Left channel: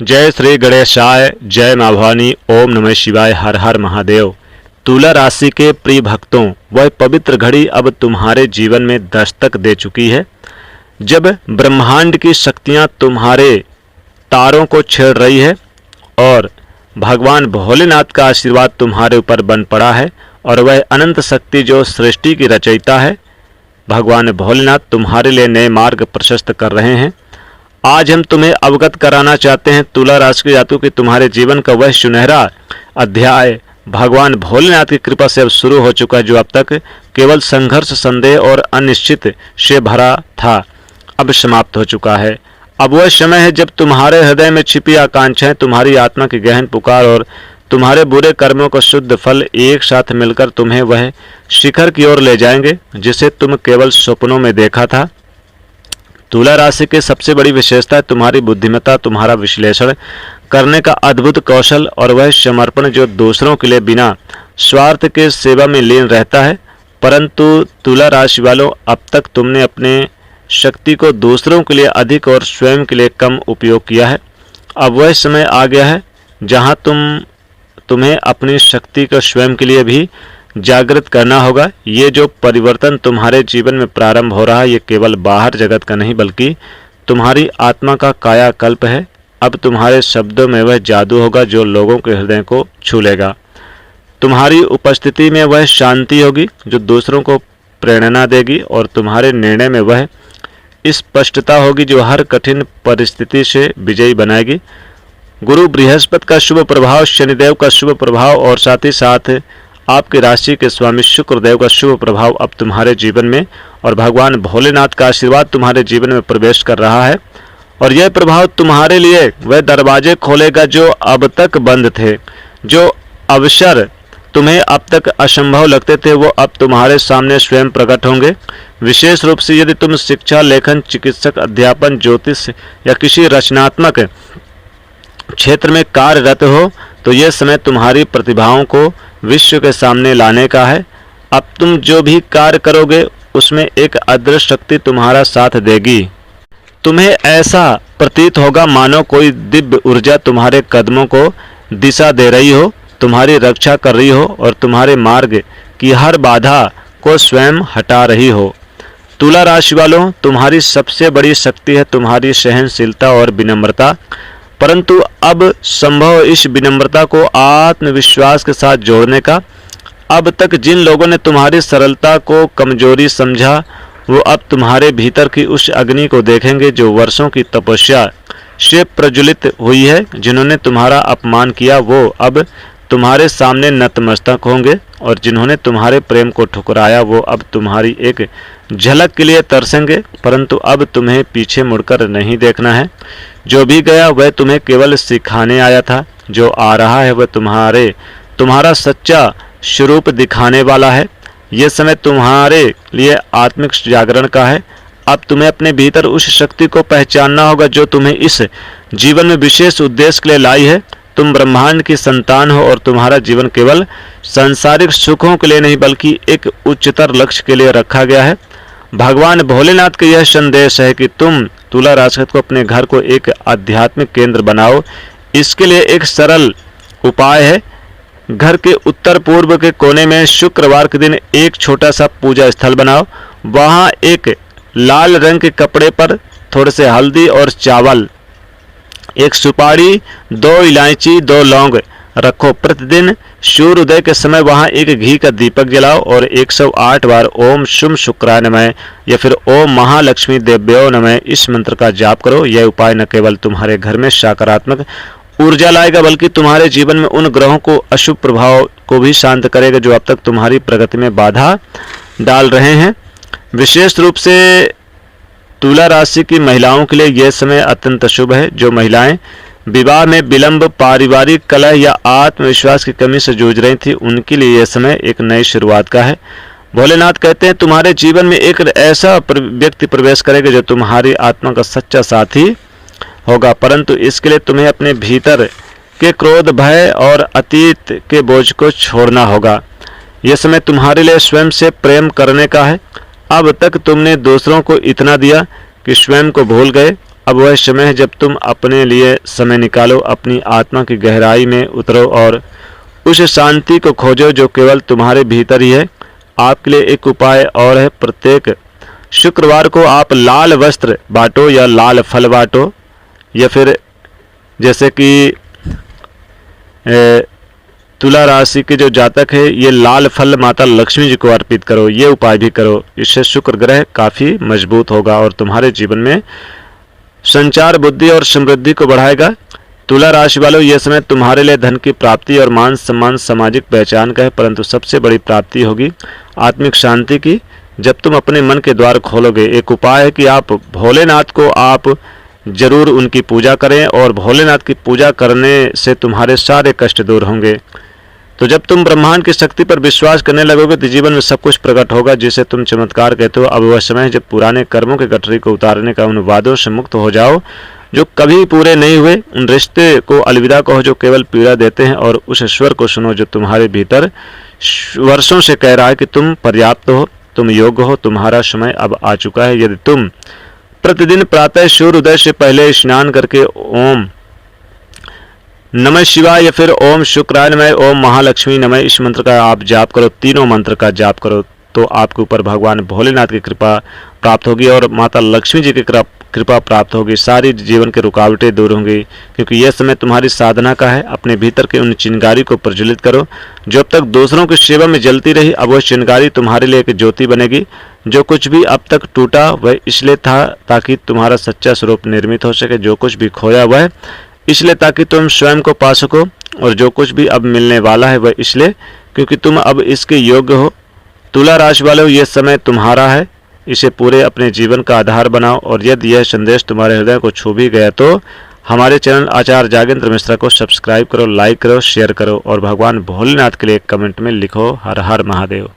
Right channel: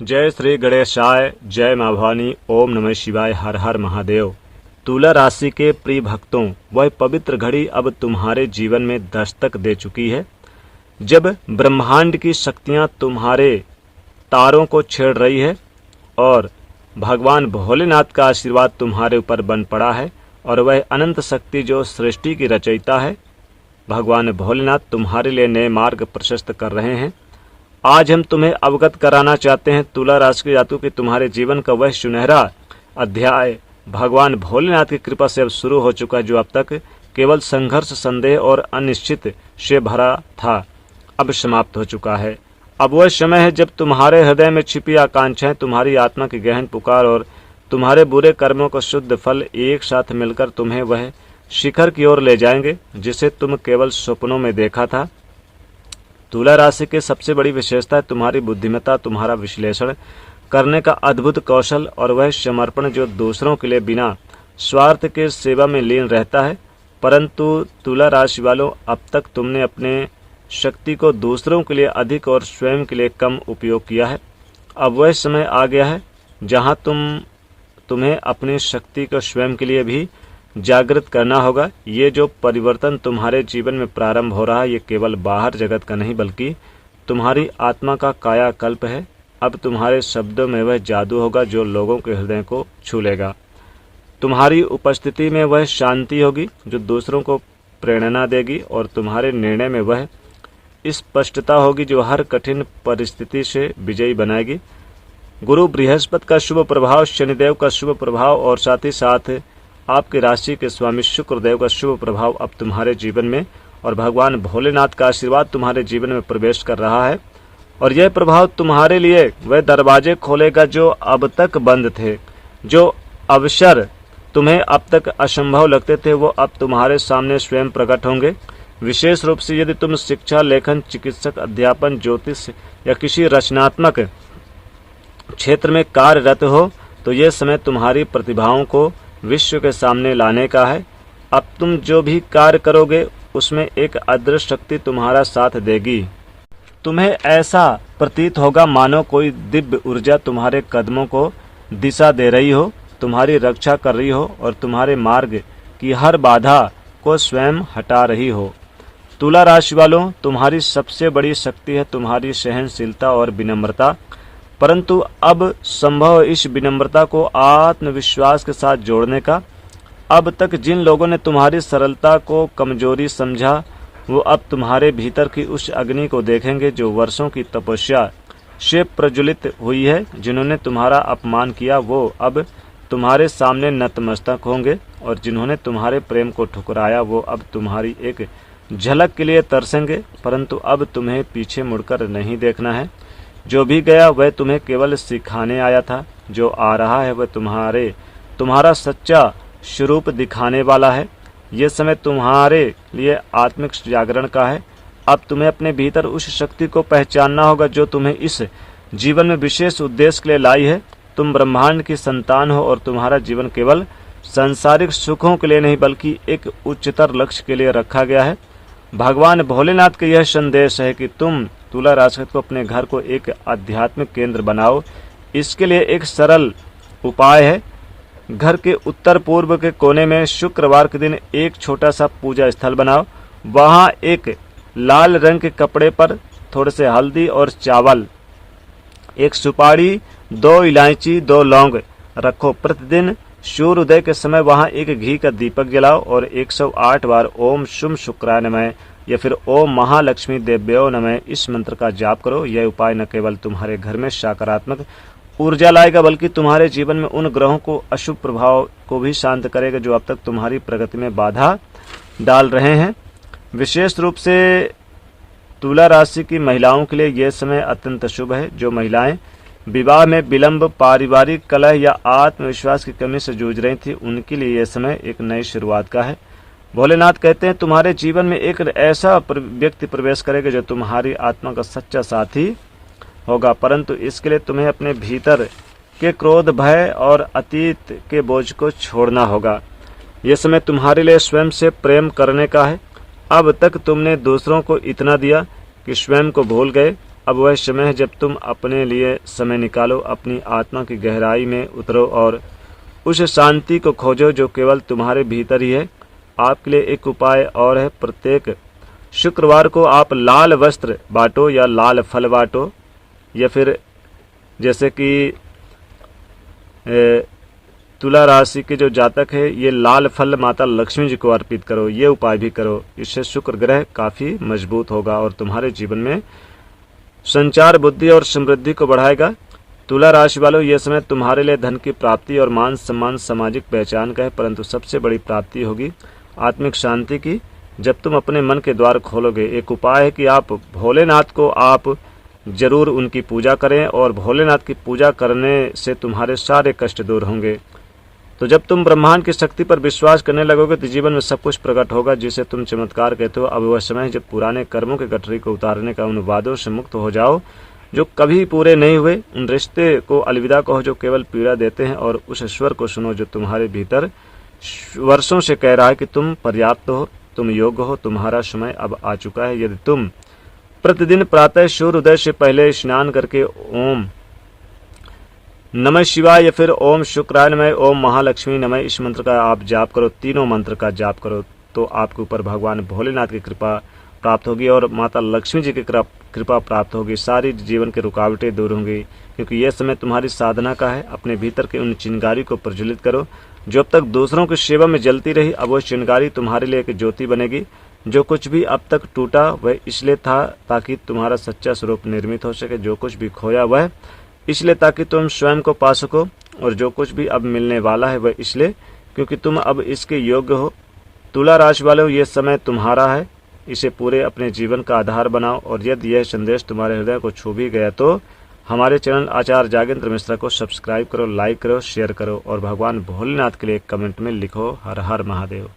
जय श्री गणेशाय, जय माँ भवानी, ओम नमः शिवाय, हर हर महादेव। तुला राशि के प्रिय भक्तों, वह पवित्र घड़ी अब तुम्हारे जीवन में दस्तक दे चुकी है। जब ब्रह्मांड की शक्तियाँ तुम्हारे तारों को छेड़ रही है और भगवान भोलेनाथ का आशीर्वाद तुम्हारे ऊपर बन पड़ा है और वह अनंत शक्ति जो सृष्टि की रचयिता है, भगवान भोलेनाथ तुम्हारे लिए नए मार्ग प्रशस्त कर रहे हैं। आज हम तुम्हें अवगत कराना चाहते हैं तुला राशि के जातकों कि तुम्हारे जीवन का वह सुनहरा अध्याय भगवान भोलेनाथ की कृपा से अब शुरू हो चुका है, जो अब तक केवल संघर्ष, संदेह और अनिश्चित से भरा था, अब समाप्त हो चुका है। अब वह समय है जब तुम्हारे हृदय में छिपी आकांक्षाएं, तुम्हारी आत्मा की गहन पुकार और तुम्हारे बुरे कर्मों का शुद्ध फल एक साथ मिलकर तुम्हें वह शिखर की ओर ले जाएंगे जिसे तुम केवल सपनों में देखा था। तुला राशि की सबसे बड़ी विशेषता है तुम्हारी बुद्धिमत्ता, तुम्हारा विश्लेषण करने का अद्भुत कौशल और वह समर्पण जो दूसरों के लिए बिना स्वार्थ के सेवा में लीन रहता है। परंतु तुला राशि वालों, अब तक तुमने अपने शक्ति को दूसरों के लिए अधिक और स्वयं के लिए कम उपयोग किया है। अब वह समय आ गया है जहां तुम्हें अपनी शक्ति को स्वयं के लिए भी जागृत करना होगा। ये जो परिवर्तन तुम्हारे जीवन में प्रारंभ हो रहा है, ये केवल बाहर जगत का नहीं बल्कि तुम्हारी आत्मा का कायाकल्प है। अब तुम्हारे शब्दों में वह जादू होगा जो लोगों के हृदय को छू लेगा। तुम्हारी उपस्थिति में वह शांति होगी जो दूसरों को प्रेरणा देगी और तुम्हारे निर्णय में वह स्पष्टता होगी जो हर कठिन परिस्थिति से विजयी बनाएगी। गुरु बृहस्पति का शुभ प्रभाव, शनिदेव का शुभ प्रभाव और साथ ही साथ आपकी राशि के स्वामी शुक्रदेव का शुभ प्रभाव अब तुम्हारे जीवन में और भगवान भोलेनाथ का आशीर्वाद तुम्हारे जीवन में प्रवेश कर रहा है। और यह प्रभाव तुम्हारे लिए वह दरवाजे खोलेगा जो अब तक बंद थे। जो अवसर तुम्हें अब तक असंभव लगते थे वो अब तुम्हारे सामने स्वयं प्रकट होंगे। विशेष रूप से यदि तुम शिक्षा, लेखन, चिकित्सक, अध्यापन, ज्योतिष या किसी रचनात्मक क्षेत्र में कार्यरत हो तो यह समय तुम्हारी प्रतिभाओं को विश्व के सामने लाने का है। अब तुम जो भी कार्य करोगे उसमें एक अदृश्य शक्ति तुम्हारा साथ देगी। तुम्हें ऐसा प्रतीत होगा मानो कोई दिव्य ऊर्जा तुम्हारे कदमों को दिशा दे रही हो, तुम्हारी रक्षा कर रही हो और तुम्हारे मार्ग की हर बाधा को स्वयं हटा रही हो। तुला राशि वालों, तुम्हारी सबसे बड़ी शक्ति है तुम्हारी सहनशीलता और विनम्रता। परंतु अब संभव इस विनम्रता को आत्मविश्वास के साथ जोड़ने का। अब तक जिन लोगों ने तुम्हारी सरलता को कमजोरी समझा वो अब तुम्हारे भीतर की उस अग्नि को देखेंगे जो वर्षों की तपस्या से प्रज्वलित हुई है। जिन्होंने तुम्हारा अपमान किया वो अब तुम्हारे सामने नतमस्तक होंगे और जिन्होंने तुम्हारे प्रेम को ठुकराया वो अब तुम्हारी एक झलक के लिए तरसेंगे। परंतु अब तुम्हें पीछे मुड़कर नहीं देखना है। जो भी गया वह तुम्हें केवल सिखाने आया था, जो आ रहा है वह तुम्हारा सच्चा स्वरूप दिखाने वाला है। यह समय तुम्हारे लिए आत्मिक जागरण का है। अब तुम्हें अपने भीतर उस शक्ति को पहचानना होगा जो तुम्हें इस जीवन में विशेष उद्देश्य के लिए लाई है। तुम ब्रह्मांड की संतान हो और तुम्हारा जीवन केवल सांसारिक सुखों के लिए नहीं बल्कि एक उच्चतर लक्ष्य के लिए रखा गया है। भगवान भोलेनाथ का यह संदेश है कि तुम तुला राशि को अपने घर को एक आध्यात्मिक केंद्र बनाओ। इसके लिए एक सरल उपाय है। घर के उत्तर पूर्व के कोने में शुक्रवार के दिन एक छोटा सा पूजा स्थल बनाओ। वहाँ एक लाल रंग के कपड़े पर थोड़े से हल्दी और चावल, एक सुपारी, 2 इलायची, 2 लौंग रखो। प्रतिदिन सूर्योदय के समय वहां एक घी का दीपक जलाओ और 108 बार ओम शुम शुक्राय नमः या फिर ओम महालक्ष्मी देव्यो नमः इस मंत्र का जाप करो। यह उपाय न केवल तुम्हारे घर में सकारात्मक ऊर्जा लाएगा बल्कि तुम्हारे जीवन में उन ग्रहों को अशुभ प्रभाव को भी शांत करेगा जो अब तक तुम्हारी प्रगति में बाधा डाल रहे हैं। विशेष रूप से तुला राशि की महिलाओं के लिए यह समय अत्यंत शुभ है। जो महिलाएं विवाह में विलंब, पारिवारिक कलह या आत्मविश्वास की कमी से जूझ रही थी उनके लिए यह समय एक नई शुरुआत का है। भोलेनाथ कहते हैं तुम्हारे जीवन में एक ऐसा व्यक्ति प्रवेश करेगा जो तुम्हारी आत्मा का सच्चा साथी होगा। परंतु इसके लिए तुम्हें अपने भीतर के क्रोध, भय और अतीत के बोझ को छोड़ना होगा। यह समय तुम्हारे लिए स्वयं से प्रेम करने का है। अब तक तुमने दूसरों को इतना दिया कि स्वयं को भूल गए अब वह समय है जब तुम अपने लिए समय निकालो, अपनी आत्मा की गहराई में उतरो और उस शांति को खोजो जो केवल तुम्हारे भीतर ही है। आपके लिए एक उपाय और है, प्रत्येक शुक्रवार को आप लाल वस्त्र बांटो या लाल फल बांटो, या फिर जैसे कि तुला राशि के जो जातक है ये लाल फल माता लक्ष्मी जी को अर्पित करो। ये उपाय भी करो, इससे शुक्र ग्रह काफ़ी मजबूत होगा और तुम्हारे जीवन में संचार बुद्धि और समृद्धि को बढ़ाएगा। तुला राशि वालों, यह समय तुम्हारे लिए धन की प्राप्ति और मान सम्मान सामाजिक पहचान का है, परंतु सबसे बड़ी प्राप्ति होगी आत्मिक शांति की जब तुम अपने मन के द्वार खोलोगे। एक उपाय है कि आप भोलेनाथ को आप जरूर उनकी पूजा करें और भोलेनाथ की पूजा करने से तुम्हारे सारे कष्ट दूर होंगे। तो जब तुम ब्रह्मांड की शक्ति पर विश्वास करने लगोगे तो जीवन में सब कुछ प्रकट होगा जिसे तुम चमत्कार कहते हो। अब वह समय है जब पुराने कर्मों के गठरी को उतारने का, उन वादों से मुक्त हो जाओ जो कभी पूरे नहीं हुए, उन रिश्ते को अलविदा कहो जो केवल पीड़ा देते हैं और उस ईश्वर को सुनो जो तुम्हारे भीतर वर्षों से कह रहा है कि तुम पर्याप्त हो, तुम योग्य हो, तुम्हारा समय अब आ चुका है। यदि तुम प्रतिदिन प्रातः सूर्य उदय से पहले स्नान करके ओम नमः शिवाय या फिर ओम शुक्राय नमः, ओम महालक्ष्मी नमः इस मंत्र का आप जाप करो, तीनों मंत्र का जाप करो, तो आपके ऊपर भगवान भोलेनाथ की कृपा प्राप्त होगी और माता लक्ष्मी जी की कृपा प्राप्त होगी। सारी जीवन की रुकावटें दूर होंगी क्योंकि यह समय तुम्हारी साधना का है। अपने भीतर के उन चिंगारी को प्रज्वलित करो जो अब तक दूसरों की सेवा में जलती रही। अब वह चिंगारी तुम्हारे लिए एक ज्योति बनेगी। जो कुछ भी अब तक टूटा वह इसलिए था ताकि तुम्हारा सच्चा स्वरूप निर्मित हो सके। जो कुछ भी खोया वह इसलिए ताकि तुम स्वयं को पा सको, और जो कुछ भी अब मिलने वाला है वह इसलिए क्योंकि तुम अब इसके योग्य हो। तुला राशि वालों, यह समय तुम्हारा है, इसे पूरे अपने जीवन का आधार बनाओ। और यदि यह संदेश तुम्हारे हृदय को छू भी गया तो हमारे चैनल आचार्य जागेंद्र मिश्रा को सब्सक्राइब करो, लाइक करो, शेयर करो और भगवान भोलेनाथ के लिए एक कमेंट में लिखो हर हर महादेव।